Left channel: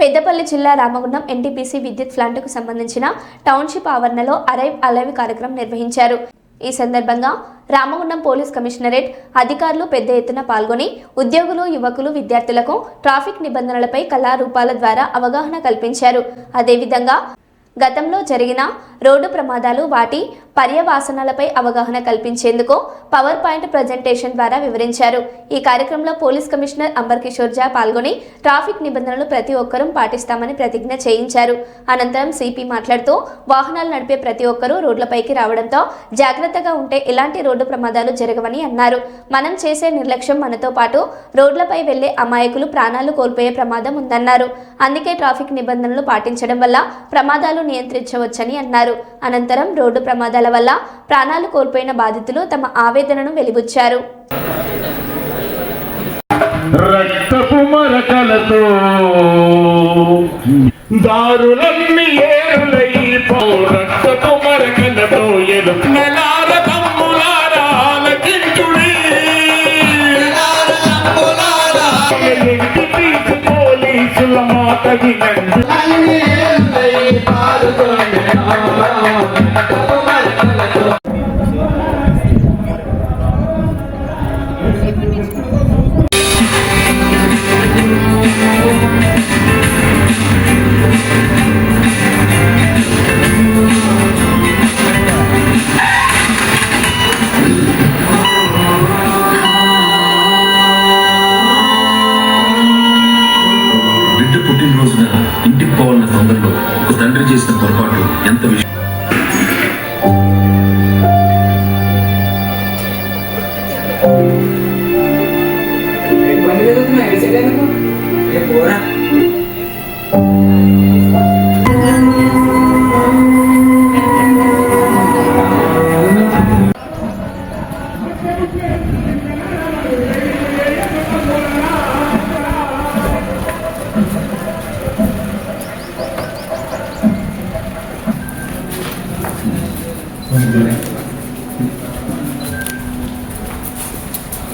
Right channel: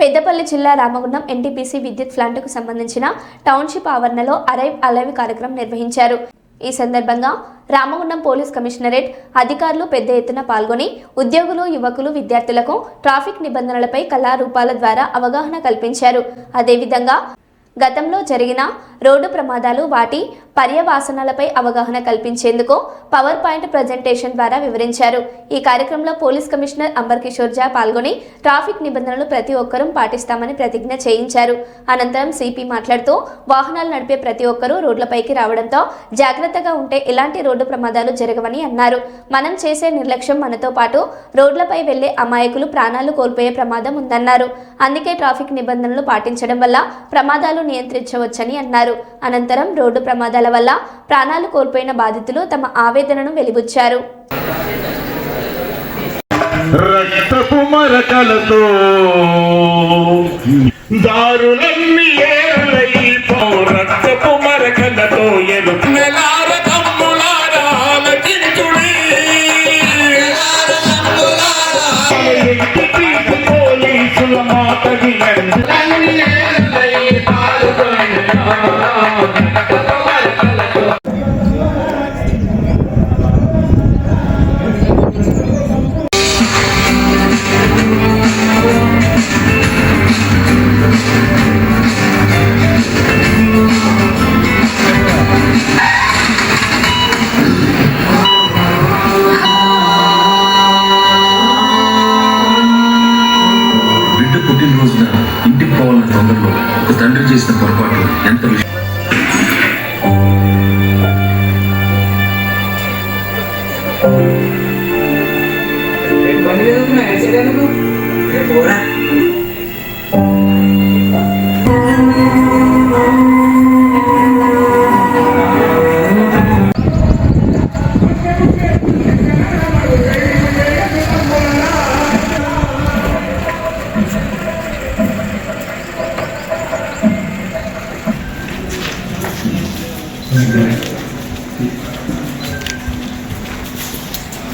పెద్దపల్లి జిల్లా రామగుండం ఎన్టీపీసీ విద్యుత్ ప్లాంట్కు సంబంధించిన టౌన్షిప్ ఆవరణలో అరైవ్ అలైవ్ కార్యక్రమం నిర్వహించారు. ఈ సందర్భంగా రామగుండం పోలీస్ కమిషనరేట్ అధికారులు పెద్ద ఎత్తున పాల్గొని ఉద్యోగులు, యువకులు, విద్యార్థులకు ట్రాఫిక్ నిబంధనలపై కళారూపాల ద్వారా అవగాహన కల్పించారు. అదేవిధంగా గతంలో జరిగిన రోడ్డు ప్రమాదాలు, వాటి పర్యవసానాలపై అవగాహన కల్పించేందుకు పవర్ పాయింట్ ప్రజెంటేషన్ ద్వారా వివరించారు. ఈ కార్యక్రమంలో పోలీస్ కమిషనర్ అంబర్ కిషోర్ జా పాల్గొని ట్రాఫిక్ నిబంధనలను ప్రతి ఒక్కరూ పాటిస్తామని ప్రతిజ్ఞ చేయించారు. అనంతరం సిపి మాట్లాడుతూ వాహనాలు నడిపే ప్రతి ఒక్కరూ రోడ్లపైకి రావడంతో జాగ్రత్తగా ఉంటే ఎలాంటి రోడ్డు ప్రమాదాలు జరగవని అన్నారు. మనం చేసే నిర్లక్ష్యం మనతో పాటు రోడ్లపై వెళ్లే అమాయకులు ప్రాణాలు కోల్పోయే ప్రమాదం ఉందన్నారు. అందుకే ట్రాఫిక్ నిబంధనలు పాటించడం వల్ల ప్రమాదాలు నియంత్రించవచ్చని అన్నారు. అనంతరం రోడ్డు ప్రమాదాల వల్ల ప్రాణాలు కోల్పోయిన బాధితులు తమ ఆవేదనను వెలిబుచ్చారు. రక్తపు మరకలతో దారులన్నీ ఏరులై రక్తపు మరకలతో ఎరుమెలార తమ్ములారా ఆలకించుడి. పోలీసుల మాట వినండి. పుట్టినరోజున ఇంటికి పోవాలన్న తొందరలో ఒక తండ్రి చేసిన పొరపాటు ఎంత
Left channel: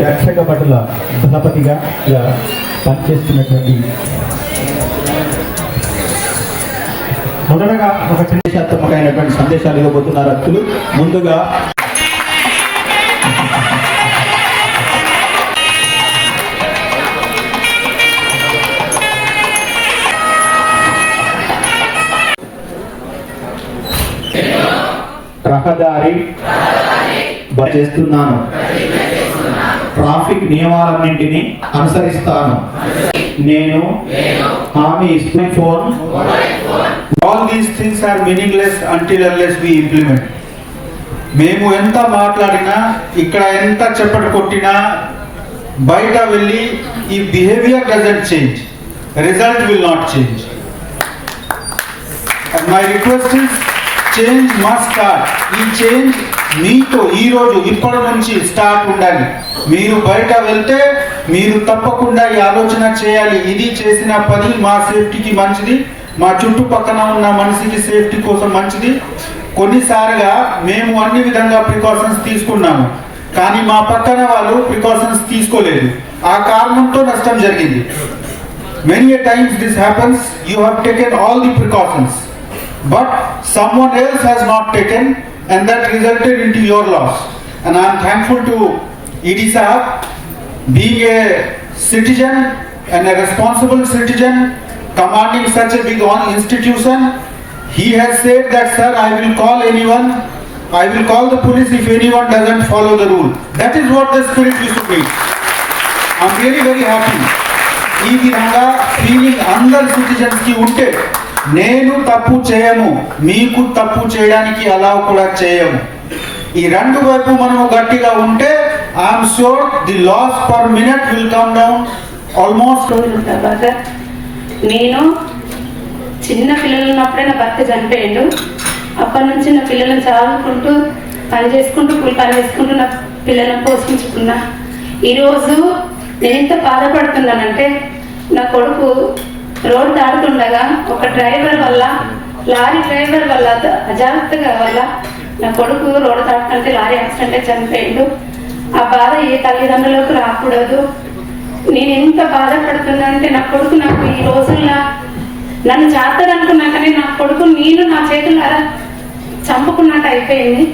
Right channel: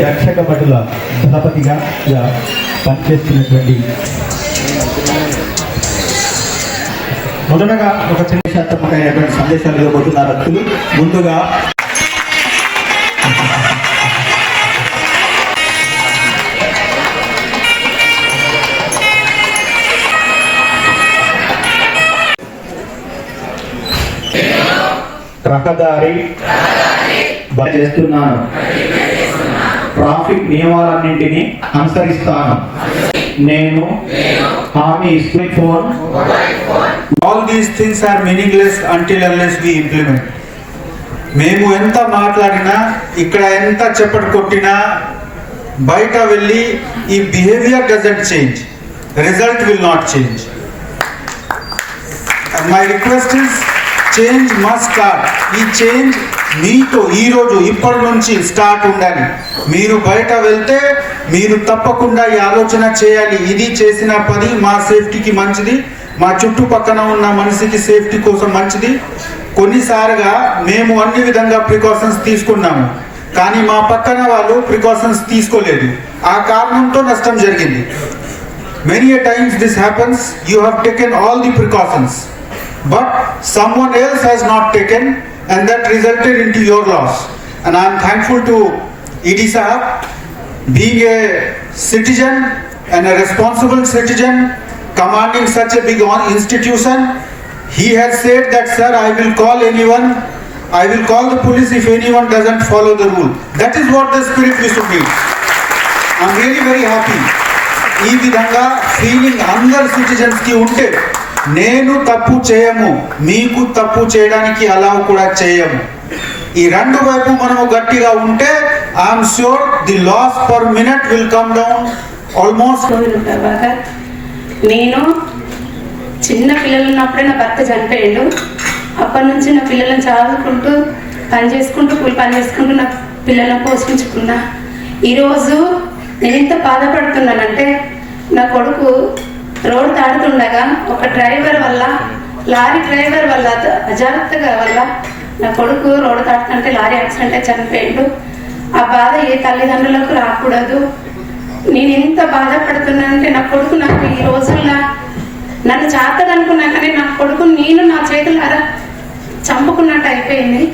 రక్షక భటుల దళపతిగా పనిచేస్తున్నటువంటి మొదటగా ఒక చరిత్రాత్మకమైనటువంటి సందేశాలు ఇవ్వబోతున్నారు అత్తులు. ముందుగా రహదారి చేస్తున్నాను, ట్రాఫిక్ నియమాలన్నింటినీ అనుసరిస్తాను, నేను హామీ ఇస్తున్న phone. All these things are meaningless until unless we implement. మేము ఎంత మాట్లాడినా, ఇక్కడ ఎంత చెప్పట కొట్టినా, బయట వెళ్ళి ఈ behaviour doesn't change, result will not change. My request is change must start. ఈ చేంజ్ మీతో ఈ రోజు ఇప్పటి నుంచి స్టార్ట్ ఉండాలి. మీరు బయట వెళ్తే మీరు తప్పకుండా ఈ ఆలోచన చేయాలి, ఇది చేసిన పని మా సేఫ్టీకి మంచిది, మా చుట్టుపక్కన ఉన్న మనిషికి సేఫ్టీ కోసం మంచిది. కొన్నిసార్లుగా మేము అన్ని విధంగా ప్రికాషన్స్ తీసుకున్నాము, కానీ మా పక్కన వాళ్ళు ప్రికాషన్స్ తీసుకోలేదు, ఆ కారణంతో నష్టం జరిగింది. Many a times this happens, you have taken all the precautions, but someone else has not taken, and that resulted into your loss. And I am thankful to ED Sahab, being a citizen and a responsible citizen, commanding such a big institution. He has said that, sir, I will call anyone, I will call the police if anyone doesn't follow the rule. That is what the spirit we should be. I am really very happy. ఈ విధంగా feeling అందరు citizens కి ఉంటే నేను తప్పు చేయము, మీకు తప్పు చేయడానికి అలౌ కూడా చేయము. ఈ రెండు వైపు మనం గట్టిగా ఉంటే I'm sure the loss per minute will come down almost. నేను చిన్న పిల్లలు ఉన్నప్పుడే నా భర్త చనిపోయాడు. అప్పటి నుంచి నా పిల్లలను చదువుకుంటూ పని చేసుకుంటూ నా పిల్లలను పోషించుకున్నా. ఈరోజు నేను ఎంత బాధపడుతున్నానంటే, నా కొడుకు రోడ్ దాడుతుండగా ఒక డ్రైవర్ వల్ల, లారీ డ్రైవర్ వల్ల, అజాగ్రత్తగా వల్ల నా కొడుకు రోడ్ దాటుతుంటే లారీ యాక్సిడెంట్ చనిపోయాడు. ఆ బాధ ఏ తల్లిదండ్రులకు రాకూడదు. నేను ఎంత బాధపడుతున్నా అంటే, నా కొడుకు నాకు ఈ రోజుల్లో నన్ను చేస్తాడు అనుకున్నా కానీ నా కొడుకు నేను నా చేతులారా చంపుకున్నట్టు అయిపోయింది.